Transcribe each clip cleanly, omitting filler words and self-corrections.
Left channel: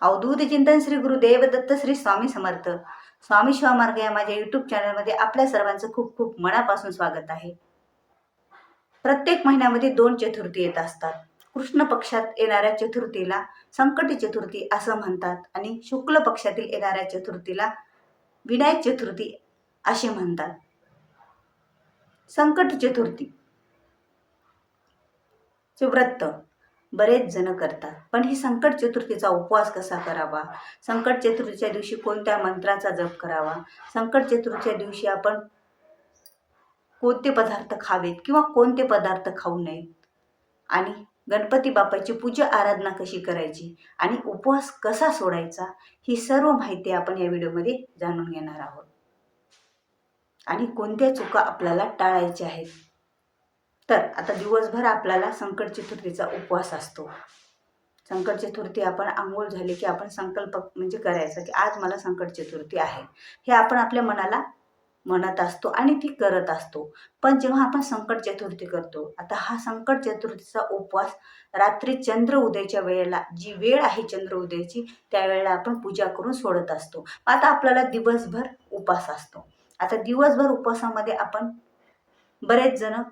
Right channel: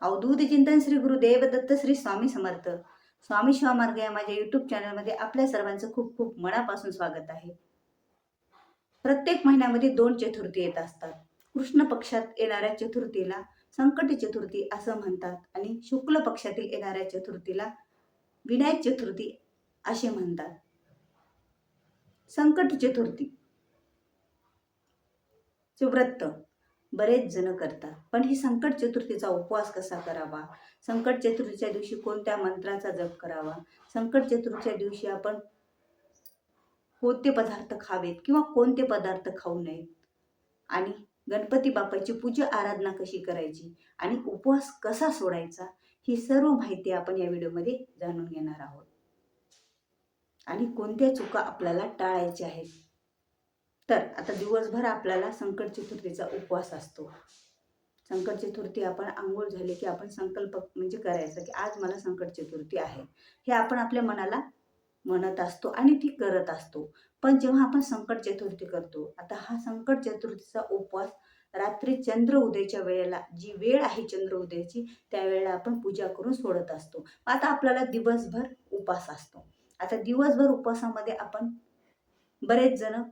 अवधूत चिंतन श्री गुरुदेव दत्त श्री स्वामी समर्थ. स्वामी शिवामार्ग या माझ्या युट्यूब चॅनलमध्ये आपल्या सर्वांचं खूप खूप मनापासून स्वागत आहे. प्रत्येक महिन्यामध्ये 2 चतुर्थी येत असतात. कृष्ण पक्षात येणाऱ्या चतुर्थीला संकटी चतुर्थी असं म्हणतात आणि शुक्ल पक्षातील येणाऱ्या चतुर्थीला विनायक चतुर्थी असे म्हणतात. संकट चतुर्थी चे व्रत बरेच जण करतात, पण ही संकट चतुर्थीचा उपवास कसा करावा, संकट चतुर्थीच्या दिवशी कोणत्या मंत्राचा जप करावा, संकट चतुर्थीच्या दिवशी आपण कोणते पदार्थ खावेत किंवा कोणते पदार्थ खाऊ नयेत, आणि गणपती बाप्पाची पूजा आराधना कशी करायची आणि उपवास कसा सोडायचा, ही सर्व माहिती आपण या व्हिडिओमध्ये जाणून घेणार आहोत. आणि कोणत्या चुका आपल्याला टाळायच्या आहेत. तर आता दिवसभर आपल्याला संकट चतुर्थीचा उपवास असतो. संकट चतुर्थी आपण आंघोळ झाली की आपण संकल्प म्हणजे करायचा की आज मला संकट चतुर्थी आहे, हे आपण आपल्या मनाला म्हणत असतो आणि ती करत असतो. पण जेव्हा आपण संकट चतुर्थी करतो, आता हा संकट चतुर्थीचा उपवास रात्री चंद्र उदयाच्या वेळेला, जी वेळ आहे चंद्र उदयाची, त्यावेळेला आपण पूजा करून सोडत असतो. आता आपल्याला दिवसभर उपवास असतो. आता दिवसभर उपवासामध्ये आपण बरेच जण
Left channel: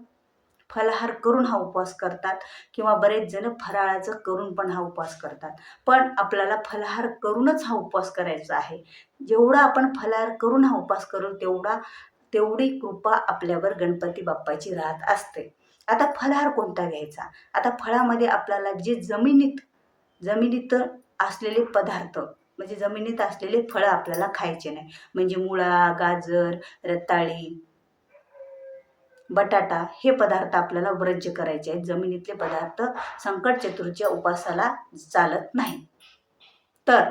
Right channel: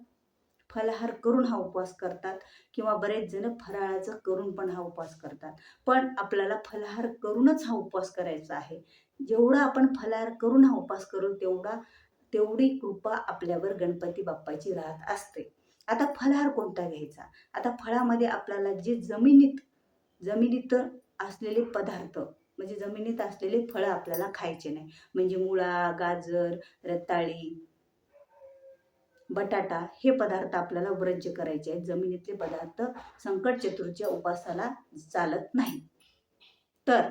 फलाहार करून हा उपवास करतात किंवा बरेच जण फराळाचं करून पण हा उपवास करतात. पण आपल्याला फलाहार करूनच हा उपवास करायचा आहे. जेवढा आपण फलाहार करून हा उपवास करू तेवढी कृपा आपल्यावर गणपती बाप्पाची राहत असते. आता फलाहार कोणता घ्यायचा? आता फळामध्ये आपल्याला जे जमिनीत असलेले पदार्थ, म्हणजे जमिनीत असलेले फळं आपल्याला खायचे नाही. म्हणजे मुळा, गाजर, रताळी, बटाटा हे पदार्थ आपल्याला वर्ज्य करायचे आहेत. जमिनीतले पदार्थ संकट चतुर्थीच्या उपवासाला चालत नाही. तर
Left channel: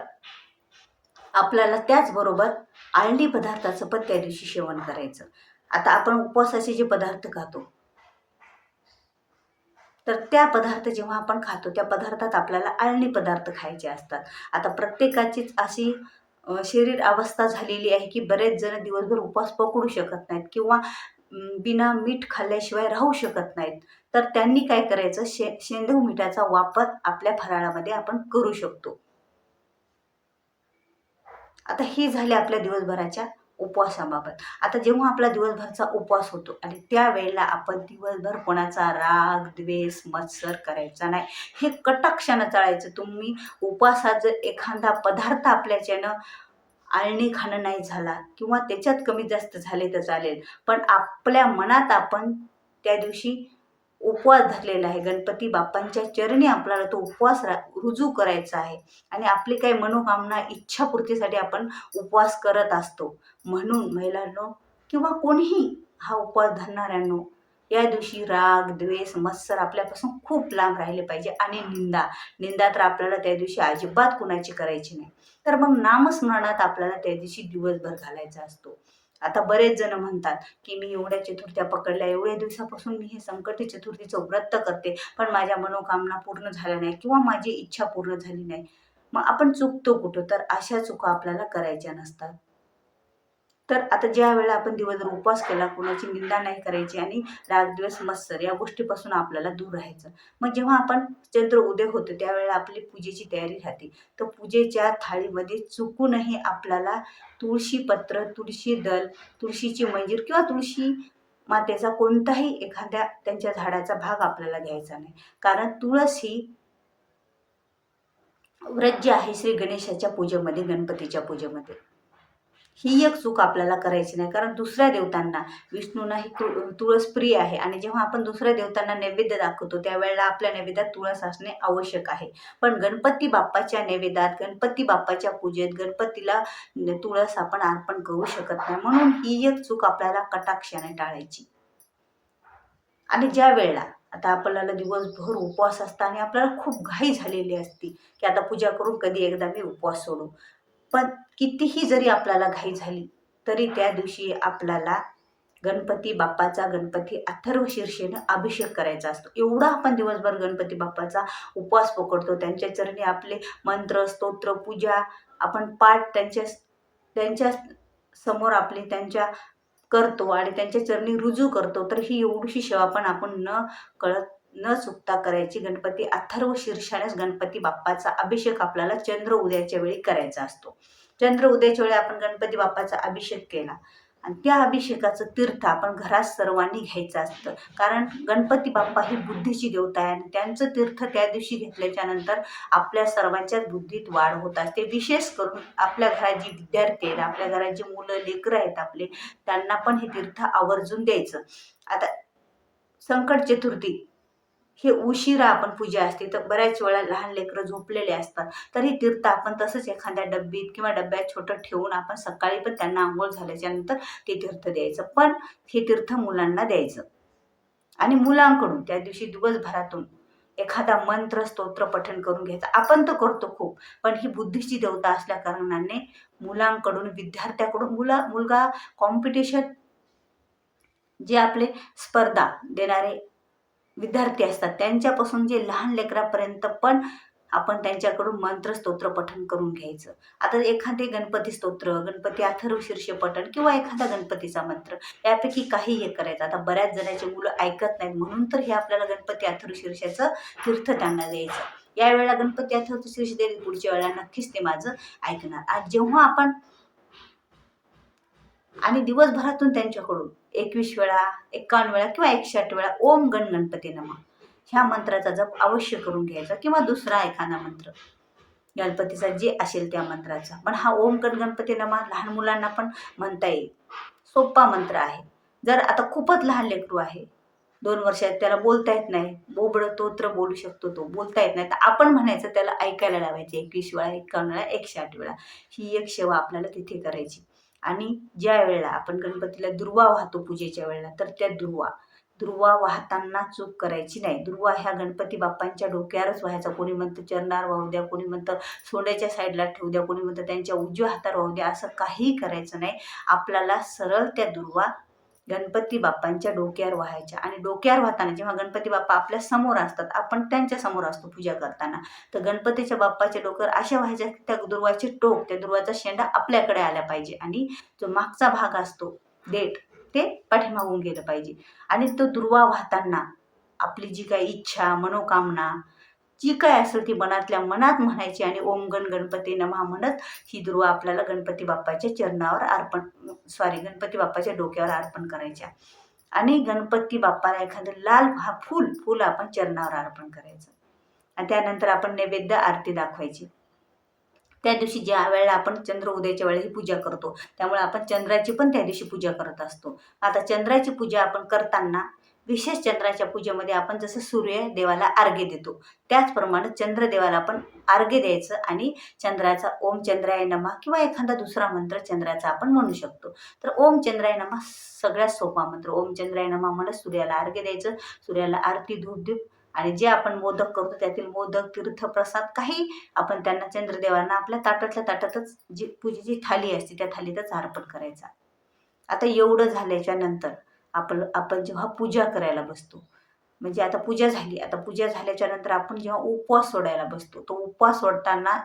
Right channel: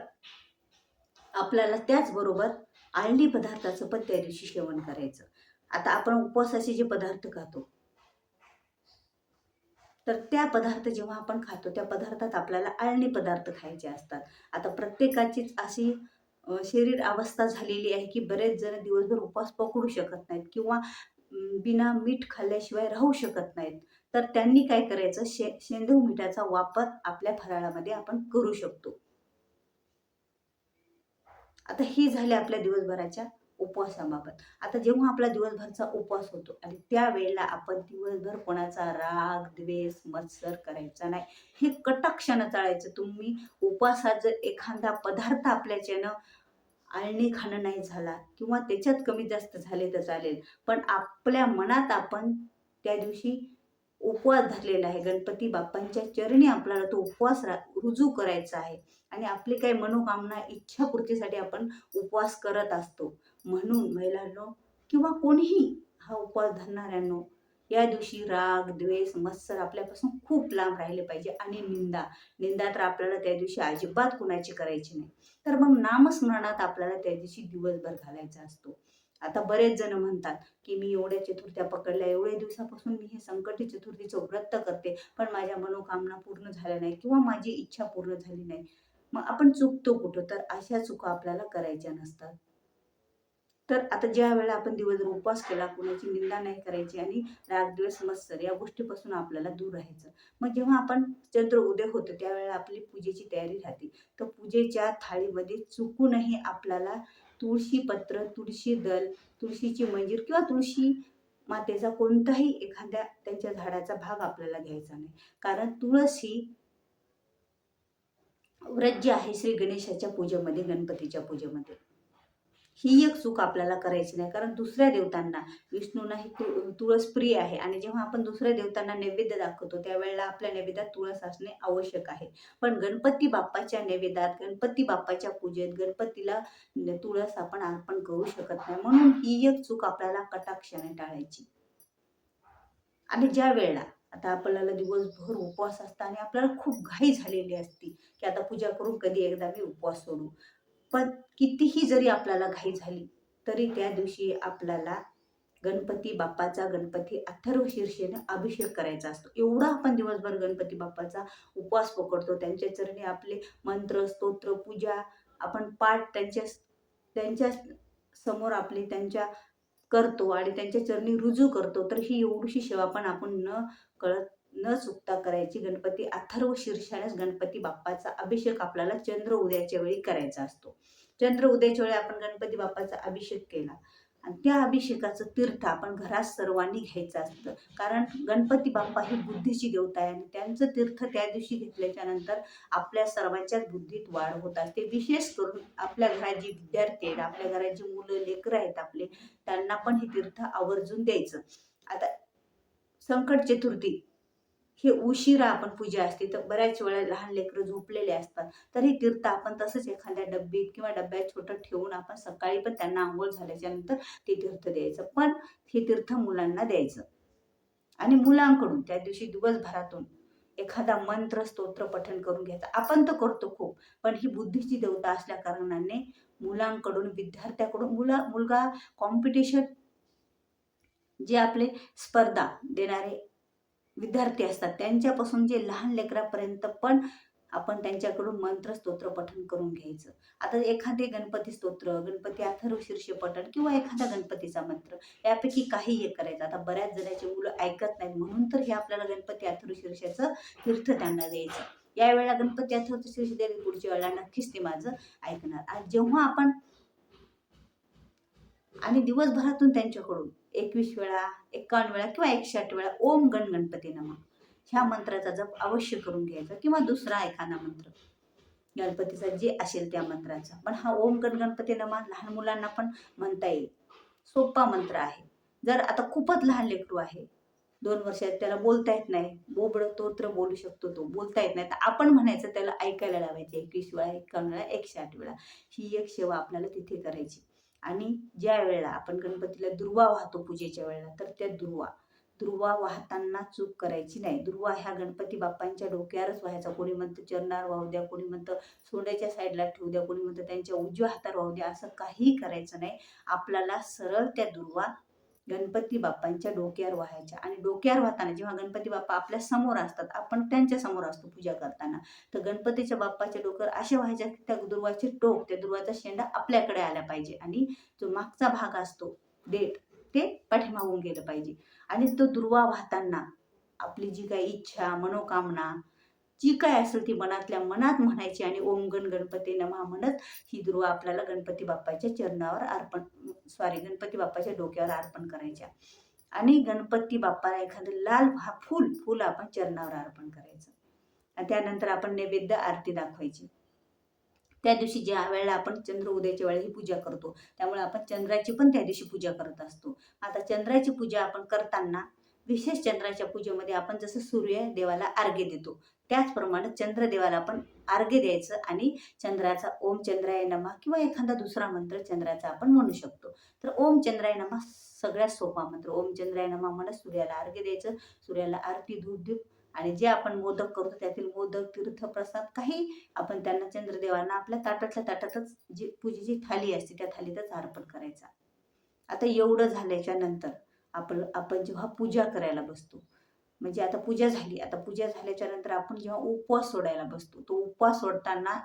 आपल्याला त्याचबरोबर आळणी पदार्थाचं पण त्या दिवशी सेवन करायचं. आता आपण उपवासाचे जे पदार्थ खातो, तर त्या पदार्थ जेव्हा आपण खातो त्या पदार्थात आपल्याला आळणी पदार्थ खायचे असतात. आता प्रत्येकाचीच अशी शरीर अवस्था झालेली आहे की बरेच जण दिवसभर उपवास पकडू शकत नाहीत किंवा बिना मीठ खाल्ल्याशिवाय राहू शकत नाहीत. तर त्यांनी काय करायचं, शेंदूर मिठाचा वापर आपल्या फराळामध्ये आपण करू शकतो. आता ही झाली आपल्या दिवसभराच्या उपवासाबाबत. आता जेव्हा आपला दिवसभरचा उपवास होतो आणि त्यावेळेला आपण दिवसभर कोणाचा राग, द्वेष, मत्सर करायचा नाही. हे कटाक्षानं टाळायचं. तुम्ही उपवासात जर एखादा पदार्थ आपल्याच्यानं आळणी खाणं नाही झाला किंवा त्याच्यात कमी जास्त झाले तर चालेल, पण आपल्या मनात आपण त्या दिवशी उपवास धरलेला आहे. गणपती बाप्पांच्या चरणी आपल्याला तो उपवास रुजू करायचा आहे आणि आपली काही मनोकामना, इच्छापूर्तीसाठी आपण उपवास करत असतो. म्हणून महिलांनो किंवा कोणीही हा उपवास धरणाऱ्यांनो, या दिवशी राग, द्वेष, मत्सर आपल्यापासून खूप लांब राहिले पाहिजे. आणि निंदा तर आपल्याला त्या दिवशी अजिबात कुणाची करायची नाही. तर मग नामस्मरणात आपल्याला त्या दिवशी दिवसभर घालायचा असतो. आता बरेच जण म्हणतात की मी एवढ्या चतुर्थ्या पकडल्या, एवढ्या दिवसापासून मी हे संकटी चतुर्थीचं व्रत करते, पण माझ्या मनोकामना पूर्ण झाल्या नाही किंवा माझी इच्छा पूर्ण झाली नाही. मग आपण चुकतो कुठं? तर अशा चुका आपल्याला करायच्या नसतात. तर आता ज्या वेळेला आपण दिवसभर उपवास केला, कुणाची निंदा नाही करायची आणि रागद्वेष, मत्सर या गोष्टीपासून आपल्याला दूर राहायचं. मग जेव्हा आपण चंद्र उदय होतो त्यावेळेला आपली पूजेची तयारी राहते. तर पूजेच्या थाळीमध्ये चुकूनही आपल्याला तुळशी पत्र, तुळशी दल, तुळशीची मंजीर किंवा तुळशी मातेचा कोणताही एखाद्या त्यांच्या झाडाचा भाग आपल्याला घ्यायचा नाही. कारण तुळस ही व्रत जे आहे श्री गणेशाच्या पूजेमध्ये, गणपतीच्या पूजेमध्ये, ही एक चूक आपल्याला करायची नाही. कारण दुसऱ्या देवतांना, विष्णूंना ही तुळस प्रिय आहे आणि जेव्हा आपण दुसऱ्या देवतांना नैवेद्य दाखवतो त्यावेळेला आपल्या नैवेद्यात तुळस असणे आवश्यक आहे. पण गणपती बाप्पाच्या नैवेद्यात, गणपती बाप्पाच्या पूजेत गणपतीला तुळस आपण अर्पण करू शकत नाही. म्हणून ही एक चूक आपल्याला कटाक्षाने टाळायची. आणि ज्या वेळेला आता आपल्याला दिवसभर उपवास असता आणि आपल्याला खूप घाई झालेली असते की आता पूजा करून कधी एकदा मी उपवास सोडू, पण कितीही जरी आपल्याला घाई झाली तरी त्या दिवशी आपल्याला गणपती बाप्पाचा, गणपती अथर्व शीर्षेने अभिषेक करायचा असतो. एवढा आपण दिवसभर गणपती बाप्पाचा उपवास पकडतो. त्यांच्या चरणी आपले मंत्र, स्तोत्र, पूजा आपण पाठ त्यांच्या समोर आपली करतो आणि त्यांच्या चरणी रुजू करतो. तर ही एवढीशी सेवा पण आपण न कळत न चुकता करायची. गणपती अथर्व शीर्षानेच गणपती बाप्पाचा अभिषेक आपल्याला चंद्र उदयाच्या वेळी करायचा असतो. चंद्र उदयाच्या वेळी आपण गणपती बाप्पाचा अभिषेक केला आणि त्या अभिषेकाचं तीर्थ आपण घरात सर्वांनी घ्यायचं असतं. कारण गणपती बाप्पा ही बुद्धीची देवता आहे आणि त्यांचं तीर्थ त्या दिवशी घेतल्याच्या नंतर आपल्या सर्वांच्याच बुद्धीत वाढ होत असते. विशेष करून आपल्या घरात जी विद्यार्थी आहेत, आपल्या घरात जी मुलं लेकरं आहेत आपले, त्यांना पण हे तीर्थ आवर्जून द्यायचं. आता संकट चतुर्थी हे उशिरा आपण पूजा असते, तर बऱ्याच वेळा लहान लेकरं झोपलेले असतात, तर हे तीर्थ आपण तसंच एखाद्या डब्बीत किंवा डब्यात छोटं ठेवून आपण सकाळी पण त्यांना आंघोळ झाल्याच्या नंतर ते तीर्थ द्यायचं. पण हे तीर्थ मुलांना द्यायचं आणि मुलांकडून त्या दिवशी दिवसभरातून एखादा मंत्र स्तोत्र पठण करून घ्यायचं. आपण तर करतो खूप, पण ही बुद्धीची देवता असल्या कारणाने मुलांकडून, विद्यार्थ्याकडून, मुलगा कॉम्पिटिशन, जे आपले स्पर्धा देणारे विद्यार्थी असतात त्यांच्यापासून जे लहान लेकरापर्यंत पण आपण त्यांच्याकडून मंत्र स्तोत्र पठण करून घ्यायचं. आता एखादे गणपती स्तोत्र, गणपती अथर्व शीर्ष पठण किंवा एखादा गणपतीचा मंत्र यापैकी काही हे करायचं. आता बऱ्याच जणांची मुलं ऐकत नाहीत, म्हणून तर हे आपल्याला गणपती अथर्व शीर्षाचं तीर्थ त्यांना द्यायचं. यावेळेला गणपती अथर्व शीर्ष द्यायचं, पुढच्या वेळेला नक्कीच ते माझं ऐकणार. आज जेव्हा आपण आणि दिवसभरातून त्यांच्याकडून 21 वेळा, 51 वेळा किंवा 108 वेळा ओम गण गणपती नमः ह्या मंत्राचा जप अवश्य करून घ्यायचा किंवा दुसरा एखादा मंत्र गणपतीचा जे असेल त्या मंत्राचा. पण हा ओम गण गणपती नमः लहान मुलांना पण म्हणता येईल. सोपा मंत्र आहे. जर आता खूपच लहान लेकरू आहे, 2 वर्षात, त्याला बोलता येत नाही, बोबडं तोत्र बोलू शकतो तो, बोलता येत नाही, तर आपण म्हणायचं, त्याला ऐकायला लावायचे 21 वेळा, 51 वेळा, 108 वेळा. ही एक सेवा आपल्याला तिथे करायची. आणि ज्या वेळेला आपण गणपतीला दुर्वा वाहतो पूजेच्या वेळेला, तर त्या दुर्वा वाहताना चूक करायची नाही. दुर्वा ह्या गणपती बाप्पांच्या डोक्यावरच व्हायचा. कोणी म्हणतं चरणावर वाहू द्या, कोणी म्हणतं सोंड्याच्या साईडला ठेवू द्या, कोणी म्हणतं त्यांच्या उजव्या हातावर वाहू द्या. असं काहीही करायचं नाही. आपल्याला सरळ त्या दुर्वा गणपती बाप्पांच्या डोक्यावर व्हायच्या. आणि डोक्यावर वाहताना जेव्हा गणपती बाप्पा आपल्या समोर असतात, आपण त्यांच्या समोर असतो पूजा करताना, तर गणपतीच्या बाप्पाच्या डोक्यावर अशा व्हायच्या की त्या दुर्वाचे टोक, त्या दुर्वाचा शेंडा आपल्याकडे आला पाहिजे आणि जो मागचा भाग असतो देठ, ते पाठीमागून गेलं पाहिजे. आणि तो दुर्वा वाहताना आपली जी काही इच्छा, मनोकामना जी काय असेल ती मनातल्या मनात म्हणायची आणि ओम गण गणपती नमः म्हणत ही दुर्वा आपल्याला गणपती बाप्पाच्या चरणावर गणपती बाप्पाच्या डोक्यावर अर्पण करायच्या. आणि गणपती बाप्पाला एखादं लाल फूल आपण चरणावर अर्पण करायचं आणि त्यानंतर आपण नैवेद्य आरती दाखवायची. त्या दिवशी ज्या वेळेला आपण चंद्र उदयाच्या वेळेला ही पूजा करतो, त्यामुळे आपण चंद्राची पण त्या दिवशी पूजा करत असतो. आता चंद्राची पूजा आपण करताना विशेष चंद्राच्या पूजेमध्ये आपण जसं सूर्य देवाला अर्घ्य देतो, त्याचप्रमाणे चंद्रदेवाला आपण अर्घ्य द्यायचं आणि चंद्राचा ओम चंद्राय नमः किंवा एखादा दुसरा मंत्र चंद्राचा आपण म्हणू शकतो. तर ओम चंद्राय नमः सगळ्यात सोपा मंत्र. ओम चंद्राय नमः म्हणत सूर्याला अर्घ्य द्यायचं, सूर्याला आरती धूप देऊ आणि जे आपण मोदक करतो त्यातील मोदक, तीर्थप्रसाद काही आपण त्यांना चंद्रदेवांना आपल्या ताटातल्या ताटातच जी पूजेची थाली असते त्या थालीतच अर्पण करायचा. आता एवढं झाल्याच्या नंतर आपण जेव्हा पूजा करायला बसतो, म्हणजे आता पूजा झाली, आता पूजा झाल्याच्या नंतर आपण जेव्हा उपवास सोडायला बसतो, तो उपवास सोडताना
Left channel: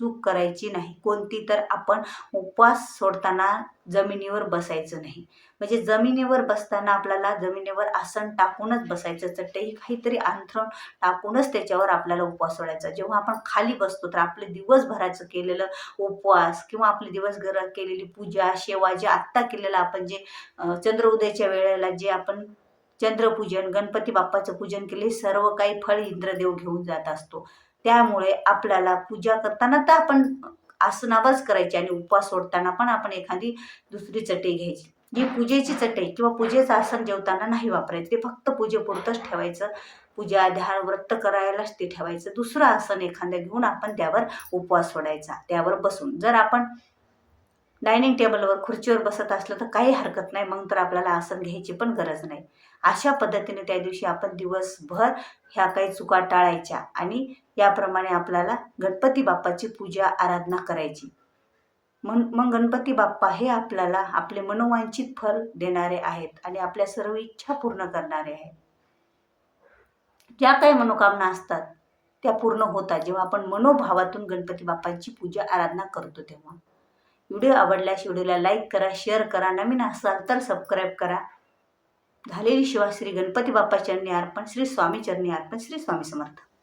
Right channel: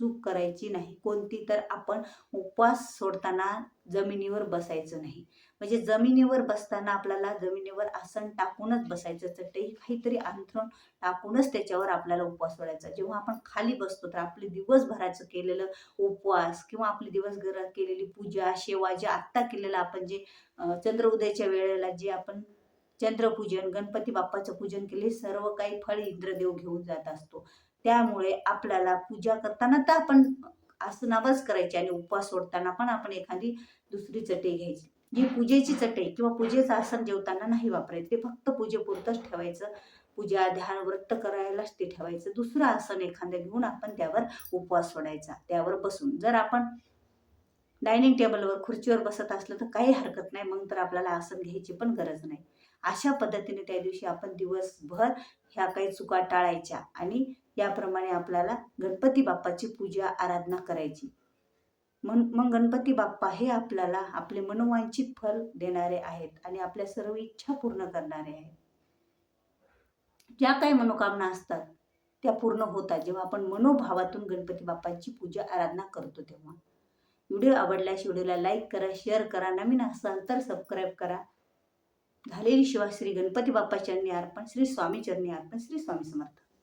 चूक करायची नाही कोणती. तर आपण उपवास सोडताना जमिनीवर बसायचं नाही. म्हणजे जमिनीवर बसताना आपल्याला जमिनीवर आसन टाकूनच बसायचं, चटई काहीतरी अंथरून टाकूनच त्याच्यावर आपल्याला उपवास सोडायचा. जेव्हा आपण खाली बसतो तर आपलं दिवसभराचं केलेलं उपवास किंवा आपली दिवसभरात केलेली पूजा, सेवा, जे आत्ता केलेलं आपण जे चंद्र उदयाच्या वेळेला जे आपण चंद्रपूजन, गणपती बाप्पाचं पूजन केले, सर्व काही फळ इंद्रदेव घेऊन जात असतो. त्यामुळे आपल्याला पूजा करताना तर आपण आसनावरच करायची आणि उपवास सोडताना पण आपण एखादी दुसरी चटई घ्यायची. जी पूजेची चटई किंवा पूजेचं आसन जेवताना नाही वापरायचं, ते फक्त पूजेपुरतंच ठेवायचं. पूजा, ध्यान, व्रत करायलाच ते ठेवायचं. दुसरं आसन एखादं घेऊन आपण त्यावर उपवास सोडायचा, त्यावर बसून. जर आपण डायनिंग टेबलवर, खुर्चीवर बसत असलं तर काही हरकत नाही, मग तर आपल्याला आसन घ्यायची पण गरज नाही. अशा पद्धतीने त्या दिवशी आपण दिवसभर ह्या काही चुका टाळायच्या आणि याप्रमाणे आपल्याला गणपती बाप्पाची पूजा आराधना करायची. मग गणपती बाप्पा हे आपल्याला आपले मनोवांछित फल देणारे आहेत आणि आपल्या सर्व इच्छा पूर्ण करणारे आहेत. ज्या काही मनोकामना असतात त्या पूर्ण होतात जेव्हा आपण मनोभावातून गणपती बाप्पाची पूजा आराधना करतो तेव्हा. व्हिडिओ आवडल्यास व्हिडिओला लाईक करा, शेअर करा, नवीन असाल तर सबस्क्राईब करा. झालेली सेवा श्री गणपती बाप्पा चरणी अर्पण, श्री स्वामी चरणी अर्पण, श्री स्वामी समर्थ.